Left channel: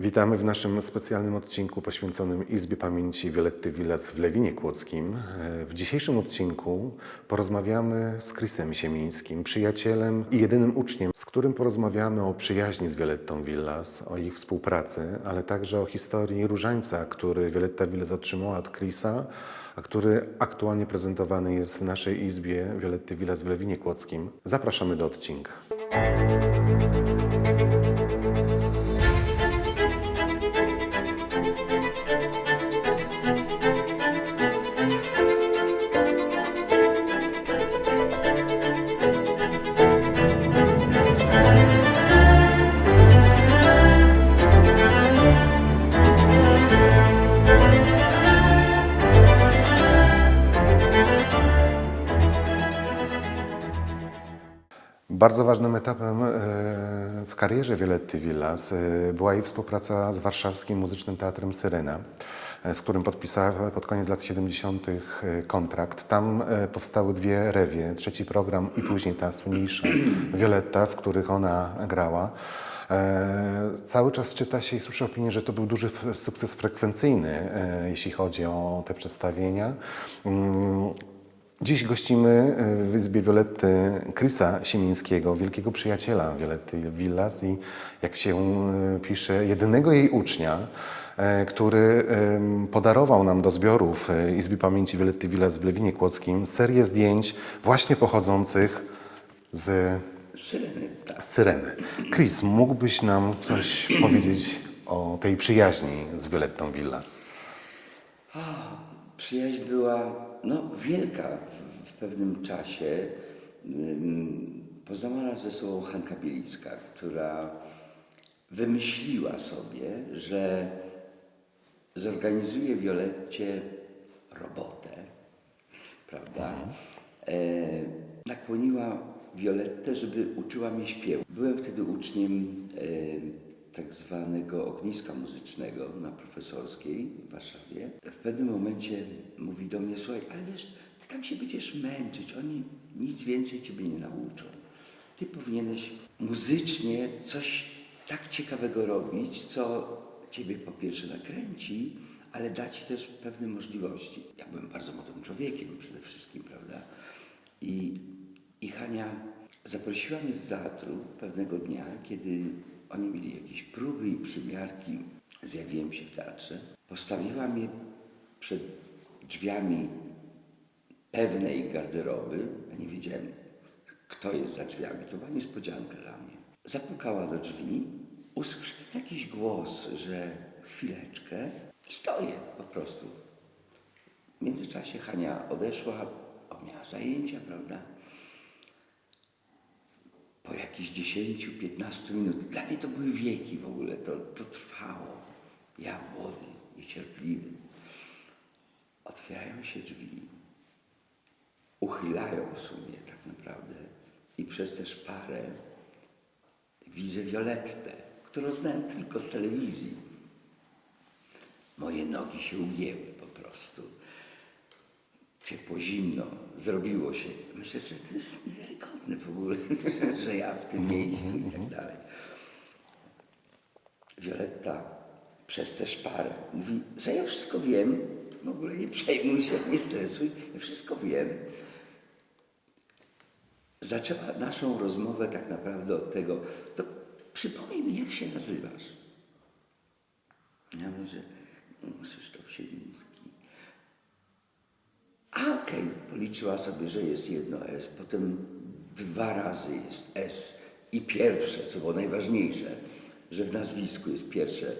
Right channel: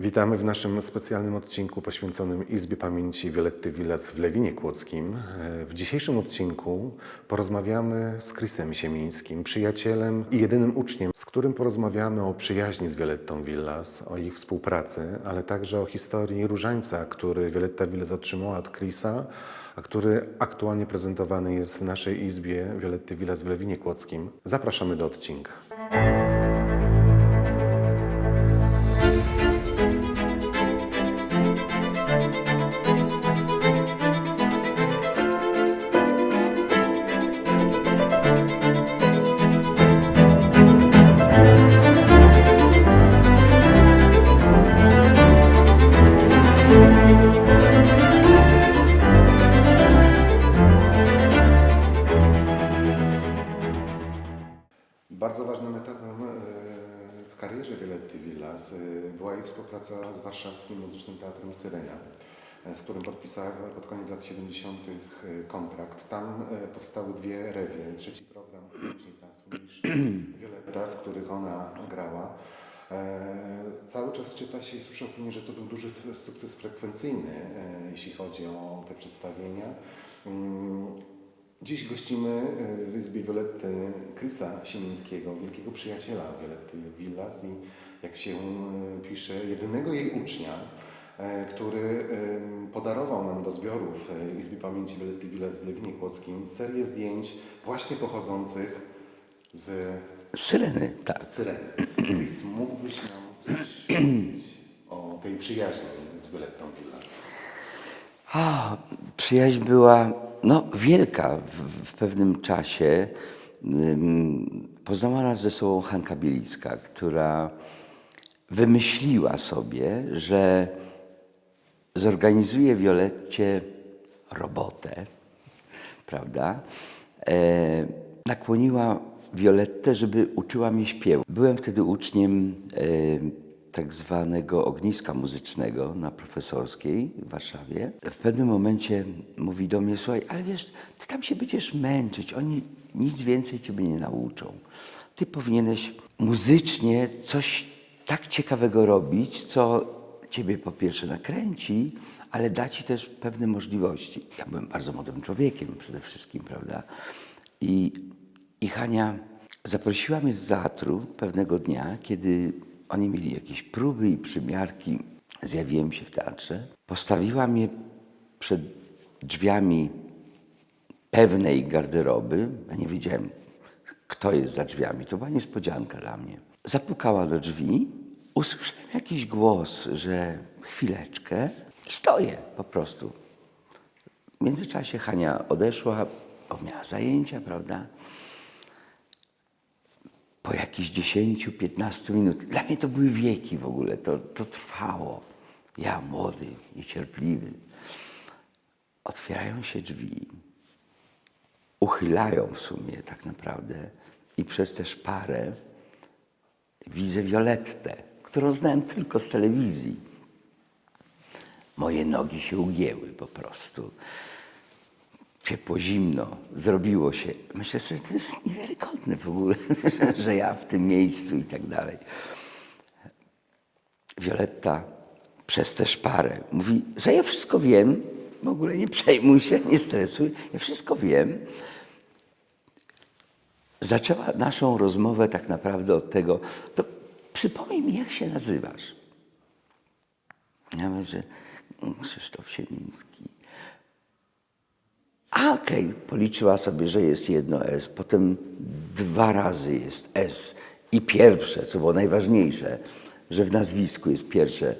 Witamy w naszym specjalnym odcinku poświęconym Izbie Pamięci Violetty Villas w Lewinie Kłodzkim. E, W dzisiejszym odcinku porozmawiamy z Chrisem Siemińskim, przyjacielem i jedynym uczniem, z którym porozmawiamy o przyjaźni z Violettą Villas, o ich współpracy, ale także o historii różańca, który Violetta Villas otrzymała od Chrisa, a który aktualnie prezentowany jest w naszej Izbie Violetty Villas w Lewinie Kłodzkim. Zapraszamy do odcinka. Bardzo ważnym etapem e, w karierze Violetty Villas e, była jej współpraca z warszawskim muzycznym teatrem Syrena, e, z którym podpisała pod koniec lat 70. e, kontrakt. Tam powstały dwie rewie, trzeci program i później ta słynniejsza Violetta, w których ona grała. Cały czas czyta się i słyszy opinię, że to był duży sukces frekwencyjny, jeśli chodzi o te przedstawienia. Dziś gościmy e, w Izbie Violetty Chrisa Siemińskiego, wielkiego przyjaciela Violetty Villas i jak się e, pisze, jedynego jej ucznia, e, który podarował nam do zbiorów Izby Pamięci Violetty Villas w Lewinie Kłodzkim serię zdjęć właśnie pochodzących z Syreny, tak. Syreny. Chris, mógłbyś nam coś powiedzieć o tej przyjaźni z Violettą Villas? A, przyjaźń była no, wielka w, w pewnym czasie. Poznała nas ze sobą Hanka Bielicka, która wymyśliła sobie, że zorganizuje Violetcie robotę, prawda? E, nakłoniła Violettę, żeby uczyła mnie śpiewu. Byłem wtedy uczniem tak zwanego ogniska muzycznego na profesorskiej w Warszawie. W pewnym momencie mówi do mnie, słuchaj, ale wiesz, ty tam się będziesz męczyć, oni nic więcej ciebie nie nauczą. Ty powinieneś muzycznie coś tak ciekawego robić, co ciebie po pierwsze nakręci, ale da ci też pewne możliwości. Ja byłem bardzo młodym człowiekiem przede wszystkim, prawda? I, i Hania zaprosiła mnie do teatru pewnego dnia, kiedy oni mieli jakieś próby i przymiarki. Zjawiłem się w teatrze. Postawiła mnie przed drzwiami pewnej garderoby. Ja nie wiedziałem, kto jest za drzwiami. To była niespodzianka dla mnie. Zapukała do drzwi, usłyszałem jakiś głos, że chwileczkę i stoję po prostu. W międzyczasie Hania odeszła, bo miała zajęcia, prawda? Po jakichś 10-15 minut, dla mnie to były wieki w ogóle, to, to trwało. Ja młody, niecierpliwy. Otwierają się drzwi, uchylają w sumie tak naprawdę i przez tę szparę widzę Violettę, którą znałem tylko z telewizji. Moje nogi się ugięły po prostu. Ciepło, zimno, zrobiło się. Myślę sobie, to jest niewiarygodne w ogóle, że- ja w tym miejscu i tak dalej. Violetta przez tę szparę mówi, że ja wszystko wiem, w ogóle nie przejmuj się, nie stresuj, ja wszystko wiem. Zaczęła naszą rozmowę tak naprawdę od tego, to przypomnij mi, jak się nazywasz. Ja mówię, że Krzysztof Siemiński. A okej, policzyła sobie, że jest jedno S, potem dwa razy jest S i pierwsze, co było najważniejsze, że w nazwisku jest pierwsze,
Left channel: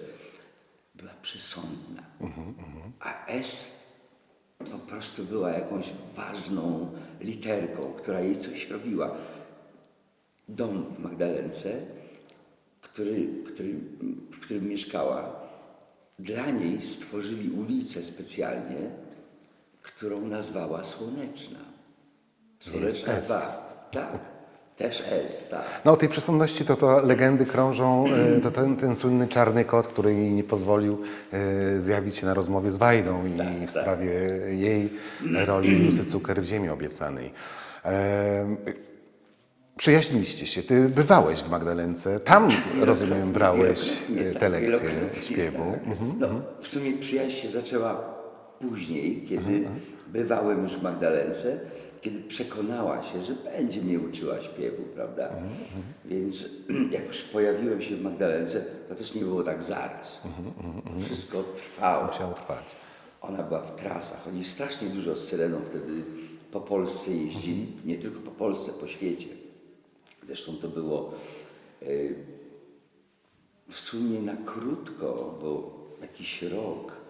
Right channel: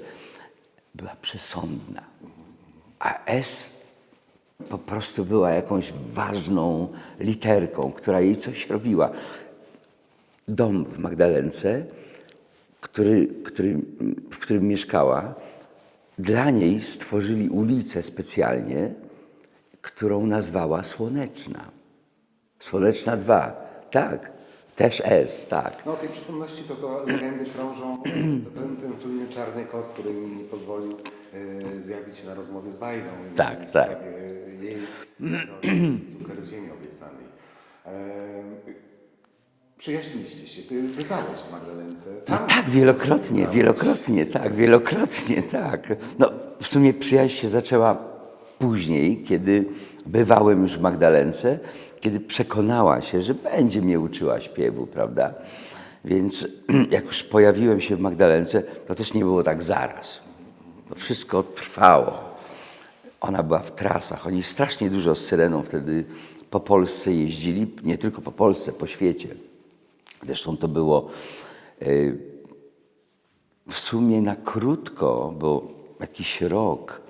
była przesądna. A S po prostu była jakąś ważną literką, która jej coś robiła. Dom w Magdalence, który, który, w którym mieszkała, dla niej stworzyli ulicę specjalnie, którą nazwała Słoneczna. Słoneczna S. 2. Tak, też S, tak. No o tej przesądności to, to legendy krążą, e, to ten, ten słynny czarny kot, który jej nie pozwolił e, zjawić się na rozmowie z Wajdą i Tak, w tak. sprawie jej roli Lusy Cukier w Ziemi Obiecanej. E, przyjaźniliście się. Ty bywałeś w Magdalence. Tam Tak, rozumiem, wielokrotnie, brałeś, wielokrotnie, tak, wielokrotnie, tak. No, w sumie przyjaźń się zaczęła później, kiedy bywałem już w Magdalence, kiedy przekonała się, że będzie mnie uczyła śpiewu, prawda? Więc jak już pojawiłem się w Magdalence, to też nie było tak zaraz. To wszystko trwało. Ona była w trasach. Oni strasznie dużo z Syreną wtedy po Polsce jeździli, nie tylko po Polsce, po świecie. Zresztą to było y, w sumie na krótko, bo jakiś rok,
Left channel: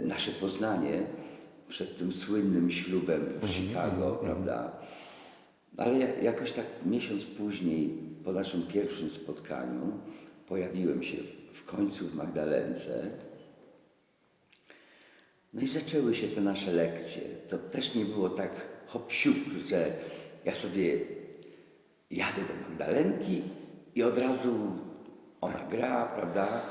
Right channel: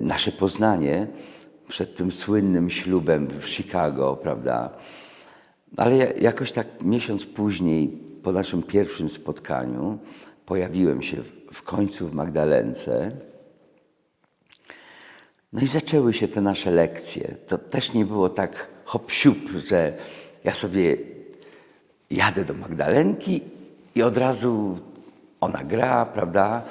nasze poznanie przed tym słynnym ślubem w Chicago, prawda? Ale ja- jakoś tak miesiąc później, po naszym pierwszym spotkaniu, pojawiłem się w- końcu w Magdalence. No i zaczęły się te nasze lekcje. To też nie było tak hop że ja sobie jadę do Magdalenki i od razu ona gra, prawda?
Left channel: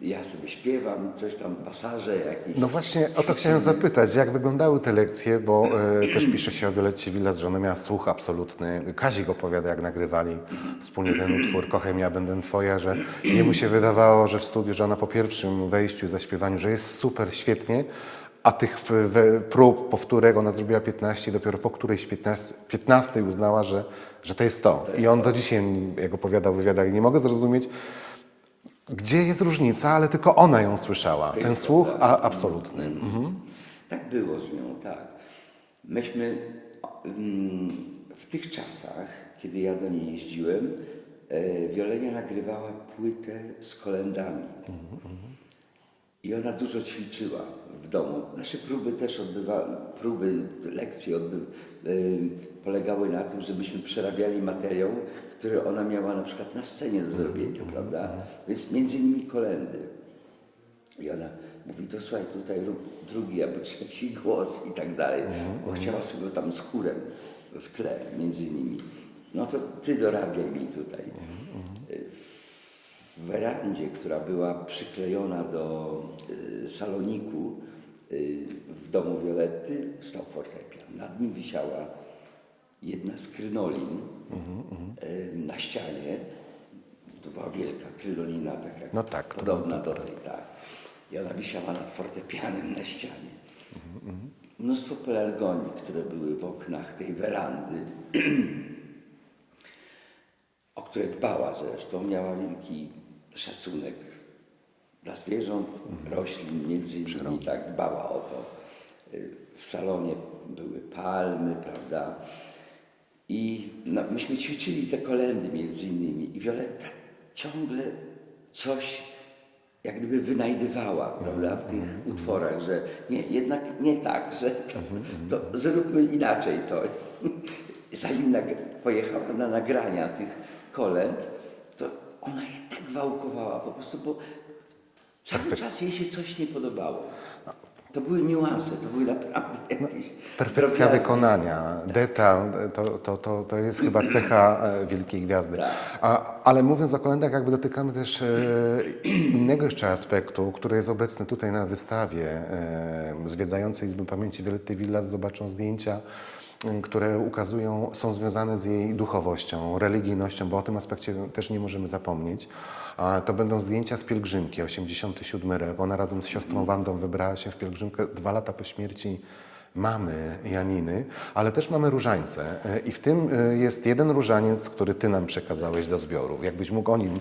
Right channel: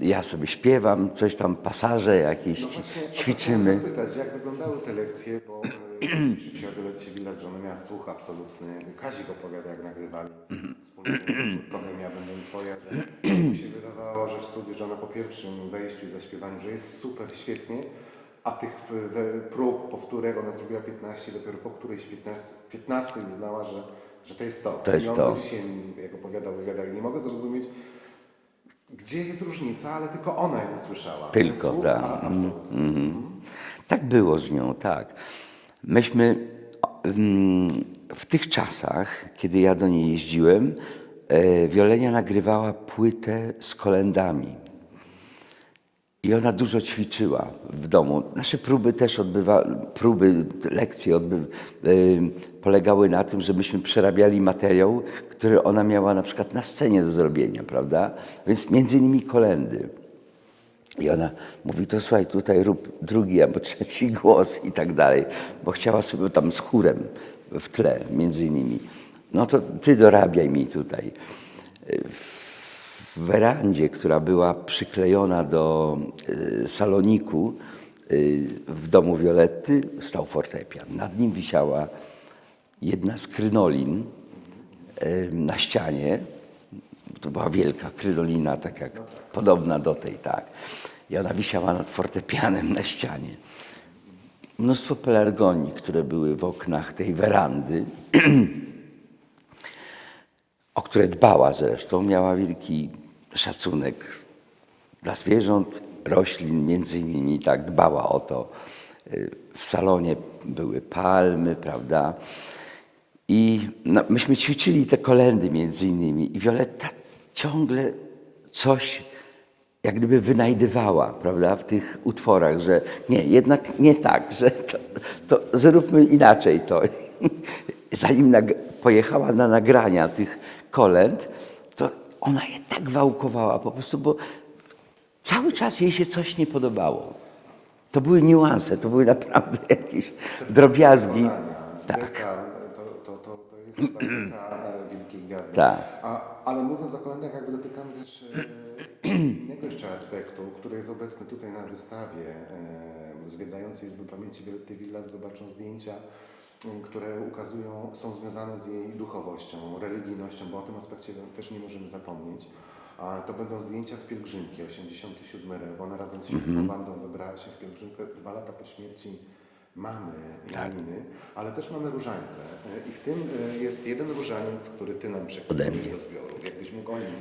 Ja sobie śpiewam, coś tam, pasaże jakieś. No właśnie o to chciałem zapytać, jak wyglądały te lekcje, bo e, też pisze się o Violetcie Villas, że ona miała słuch absolutny. Kazik opowiada, jak nagrywali wspólnie ten utwór Kochaj ja będę twoja, że jemu się wydawało, że w studiu, że ona po pierwszym wejściu i zaśpiewaniu, że jest super, świetnie, a tych e, prób, powtórek ona zrobiła 15, dopiero po którejś 15, 15 uznała, że, że to jest to. To jest I on to. do dzisiaj, jak opowiadał w wywiadach, nie mogę zrozumieć, gdzie jest różnica, ale tylko ona ją słyszała. Tylko, Ten słuch tak. a, absolutny. Tak było z nią, tak. Myśmy mm, w tych czasach, kiedy ja do niej jeździłem, e, Wiolenia nagrywała płytę z kolendami. I ona dużo ćwiczyła w domu. Nasze próby też odbywa, próby, lekcje odby, y, polegały na tym, żebyśmy przerabiali materiał, który ona miała na przykład na scenie do zrobienia, prawda? Więc między innymi kolendy. I ona mówi, to słuchaj, tutaj rób drugi albo trzeci głos i tak dalej, bo chciała sobie tam z chórem w tle między innymi. No to ty dorabiaj mi tutaj. W werandzie, która była przyklejona do y, saloniku y, w domu Violetty, stał fortepian. Nad nim wisiała jedna z krynolin y, na ścianie. To była wielka krynolina, tak jak No tak. podobna do tej, tak. I ona wisiała nad fortepianem na ścianie. Mnóstwo pelargonii, które były w oknach tej werandy, o które dbała zresztą, miała wielki szacunek dla zwierząt, roślin między innymi, tak dbała o to. Y, W salonie były palmy, prawda? I no, myśmy ćwiczyli te kolendy między innymi i Violetta ciągle coś jak gdyby wynajdywała, prawda, w tych utworach, że nie, jednak nie tak, że to, to zróbmy inaczej to. Zanim pojechała na nagrania tych kolęd, to ona je tak wałkowała po prostu, bo cały czas jej się coś nie podobało. To były niuanse, to były naprawdę jakieś Perfekcja drobiazgi. wykonania, detal, to, to, to, to jest chyba cecha e, wielkiej gwiazdy. Tak. A, ale mówiąc o kolendach, jakby dotykamy też e, innego jeszcze aspektu, który jest obecny tutaj na wystawie. E, zwiedzające Izby Pamięci Violetty Villas zobaczą zdjęcia, które ukazują, są związane z jej duchowością, religijnością, bo o tym aspekcie też nie możemy zapomnieć. To będą zdjęcia z pielgrzymki, 87 rok. Ona razem z siostrą Wandą wybrała się w pielgrzymkę dwa lata po śmierci mamy Janiny, ale też mamy różańce. E, I w tym e, jest jeden różaniec, który Ty nam przekazałeś do zbioru. Jakbyś mógł o nim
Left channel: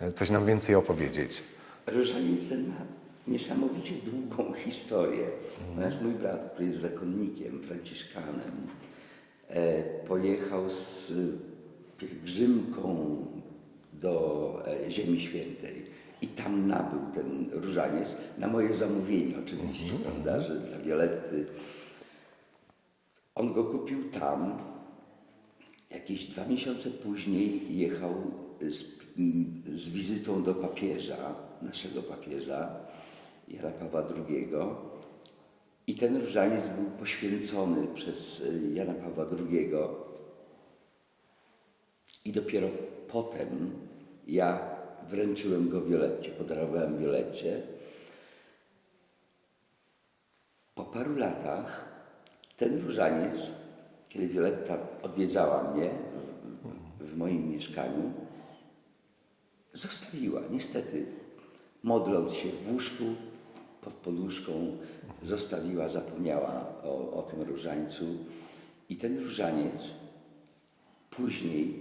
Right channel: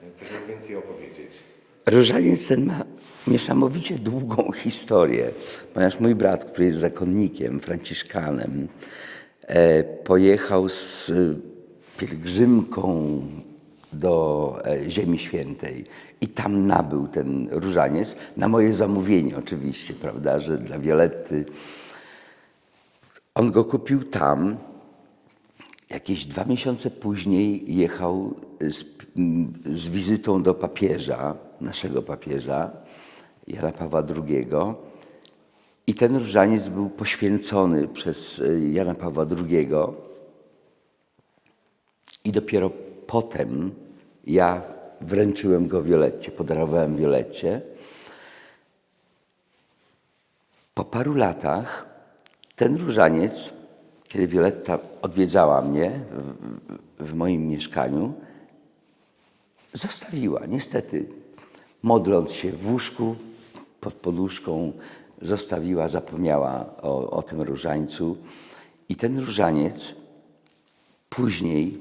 e, coś nam więcej opowiedzieć. Różaniec ten ma niesamowicie długą historię, ponieważ mój brat, który jest zakonnikiem, franciszkanem, e, pojechał z pielgrzymką do e, Ziemi Świętej i tam nabył ten różaniec, na moje zamówienie oczywiście, prawda, że dla Violetty. On go kupił tam, Jakieś dwa miesiące później jechał z, z wizytą do papieża, naszego papieża, Jana Pawła II. I ten różaniec był poświęcony przez y, Jana Pawła II. I dopiero potem ja wręczyłem go Violetcie, podarowałem Violetcie. Po paru latach ten różaniec kiedy Violetta odwiedzała mnie w, w moim mieszkaniu, zostawiła, niestety, modląc się w łóżku, pod poduszką, zostawiła, zapomniała o, o tym różańcu. I ten różaniec później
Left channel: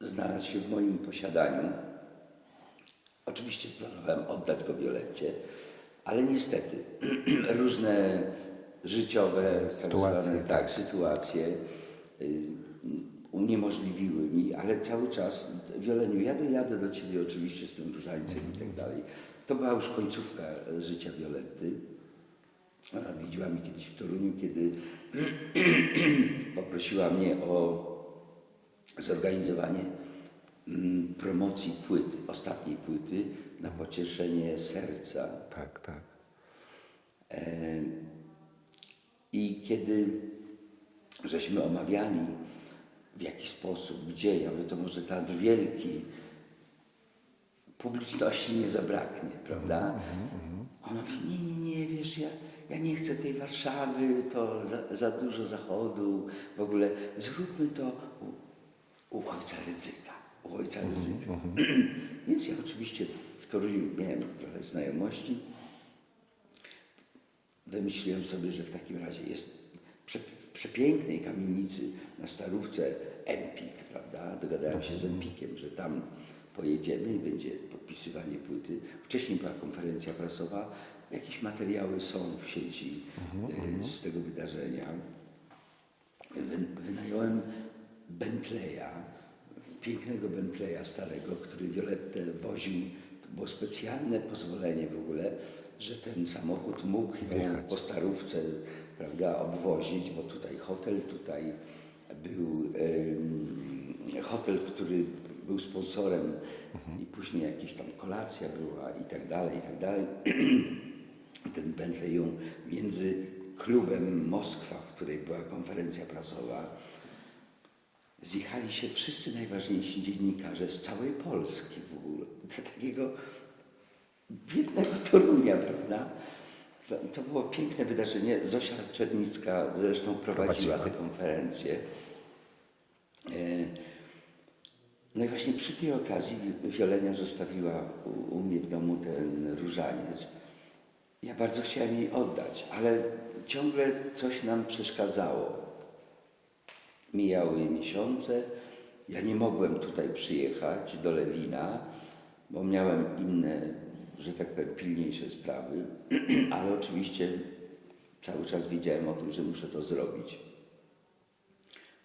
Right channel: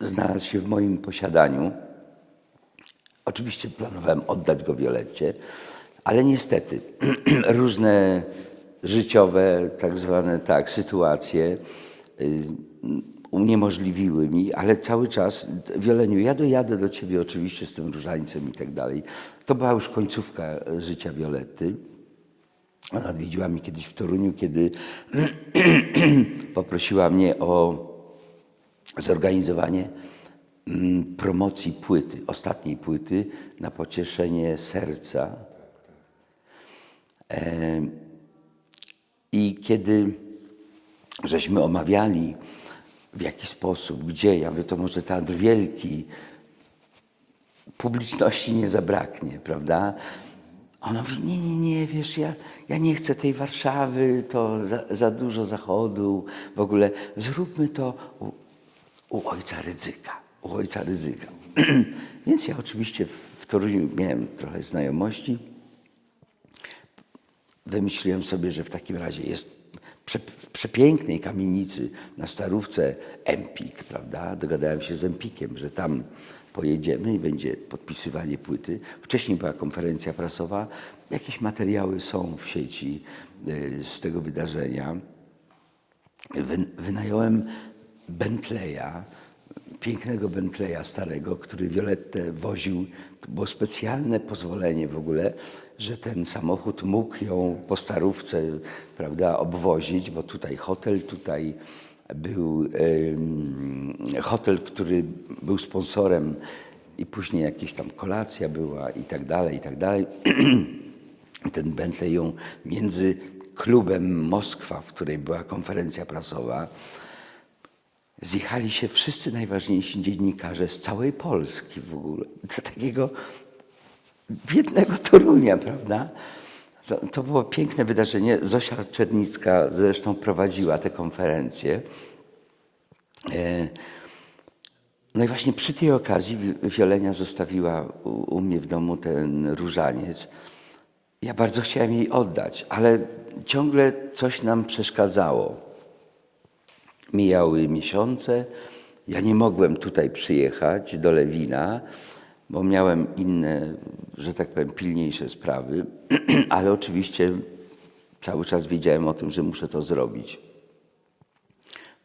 znalazł się w moim posiadaniu. Oczywiście planowałem oddać go Violetcie, ale niestety różne życiowe, tak zwane tak, sytuacje y, uniemożliwiły mi, ale cały czas, Wioleniu, ja dojadę do ciebie oczywiście z tym różańcem i tak dalej. To była już końcówka życia Violetty. Ona odwiedziła mnie kiedyś w Toruniu, kiedy poprosiła mnie o zorganizowanie mm, promocji płyty, ostatniej płyty na pocieszenie serca. Tak, tak. E, I kiedy żeśmy omawiali w jaki sposób, gdzie, ja mówię, to może teatr wielki, publiczności nie zabraknie, prawda? Ona mówi, nie, nie, nie, wiesz, ja, ja nie chcę tej Warszawy, to za, za dużo zachodu, w ogóle zróbmy to u, u ojca Rydzyka, u ojca Rydzyka. Więc ja oczywiście w Toruniu miałem trochę znajomości, wymyśliłem sobie, że w takim razie jest przepięknej kamienicy na Starówce Empik, prawda? Dogadałem się z Empikiem, że tam pojedziemy i będzie podpisywanie płyty. Wcześniej była konferencja prasowa, jakieś materiały są w sieci y, z tego wydarzenia. Wy, wynająłem Bentleya, pięknego Bentleya starego, który Violettę woził. To było specjalne pozwolenie w ogóle, że ten samochód mógł ją po starówce prawda, obwozić, bo tutaj hotel, tutaj był hotel, który był sponsorem i później jakieś tam kolacja była i tak dalej, i tak dalej. Ten Bentley ją między klubem Moskwa, w której była konferencja prasowa, zjechali się wszyscy najważniejsi dziennikarze z całej Polski w ogóle. Do takiego biednego Torunia, prawda? To, to było piękne wydarzenie. Zosia Czernicka zresztą prowadziła tę konferencję. E, No i właśnie przy tej okazji Wi- Wiolenia zostawiła u, u mnie w domu ten różaniec. Ja bardzo chciałem jej oddać, ale ciągle coś nam przeszkadzało. Mijały miesiące, ja nie mogłem tutaj przyjechać do Lewina, bo miałem inne, że tak powiem, pilniejsze sprawy, ale oczywiście cały czas wiedziałem o tym, że muszę to zrobić.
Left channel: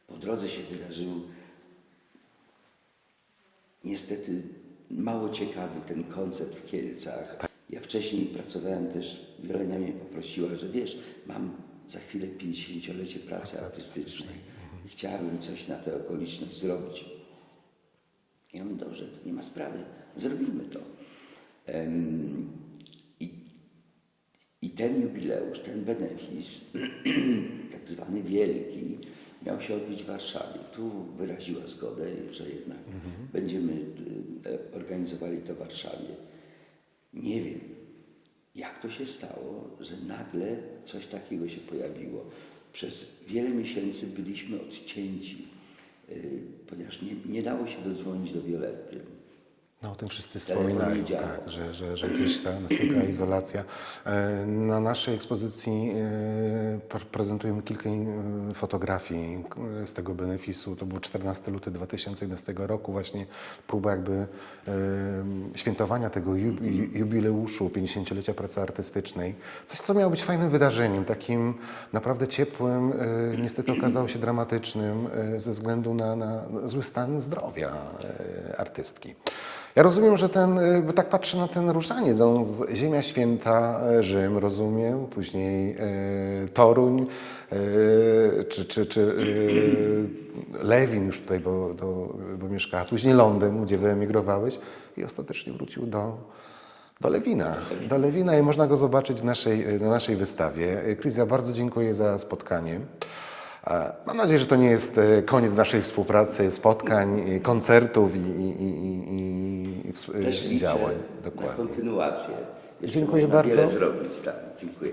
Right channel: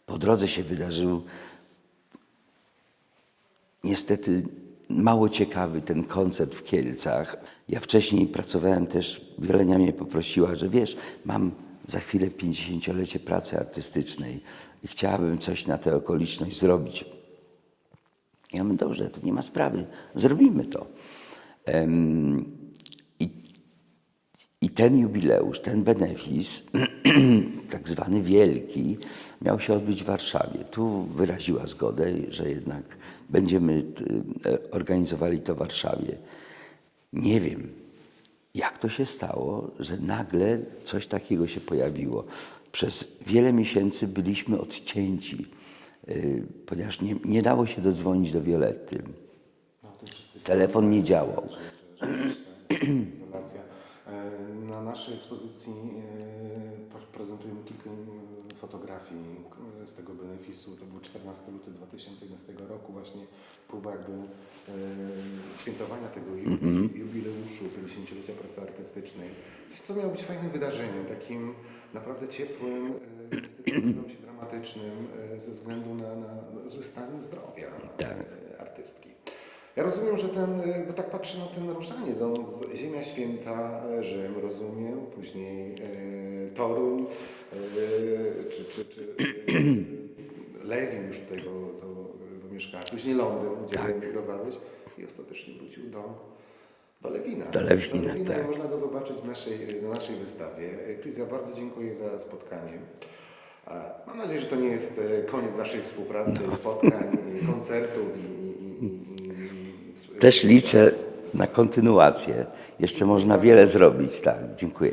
Po drodze się wydarzył niestety mało ciekawy ten koncert w Kielcach. Ja wcześniej pracowałem też, Wielenia mnie poprosiła, że wiesz, mam za chwilę 50-lecie pracy artystycznej i chciałabym coś na tę okoliczność zrobić. Ja mówię, dobrze, to nie ma sprawy, zrobimy to. I, I ten jubileusz, ten benefis, tak zwany wielki, miał się odbyć w Warszawie. Tu wyraziła zgodę, że jednak będziemy y, e, organizowali to w Warszawie. Nie wiem, jak to się stało, że nagle coś takiego się pojawiło. Przez wiele miesięcy byliśmy odcięci, y, ponieważ nie, nie dało się dodzwonić do Violetty. No, o tym wszyscy Telefon nie działał. Tak, że, że, że gdzieś ta nastąpiła izolacja. E, Na naszej ekspozycji e, pre- prezentujemy kilka fotografii z tego benefisu. To był 14 luty 2011 roku, właśnie próba jakby e, świętowania tego Mhm. jubileuszu 50-lecia pracy artystycznej. Coś, co miało być fajnym wydarzeniem, takim naprawdę ciepłym, niestety okazało się dramatycznym ze względu na, na zły stan zdrowia e, artystki. Ja rozumiem, że ten, y, bo tak patrzę na ten różaniec, on z Ziemia Święta, e, Rzym, rozumiem, później e, Toruń, e, czy, czy, czy Lewin już tutaj, bo, do, bo mieszkała, później Londyn, gdzie wyemigrowałeś i ostatecznie wrócił do, do Lewina. Do Lewina, do Lewina i można go zobaczyć w naszej, na naszej wystawie. E, Kryzja, bardzo dziękuję za spotkanie. Mam nadzieję, że to nie jest koniec naszej współpracy, spotkań, e, koncertów i, i, i, i, Też liczę na kontynuację. Jeszcze Dziękuję można bardzo. wiele zrobić. Tak, dziękuję.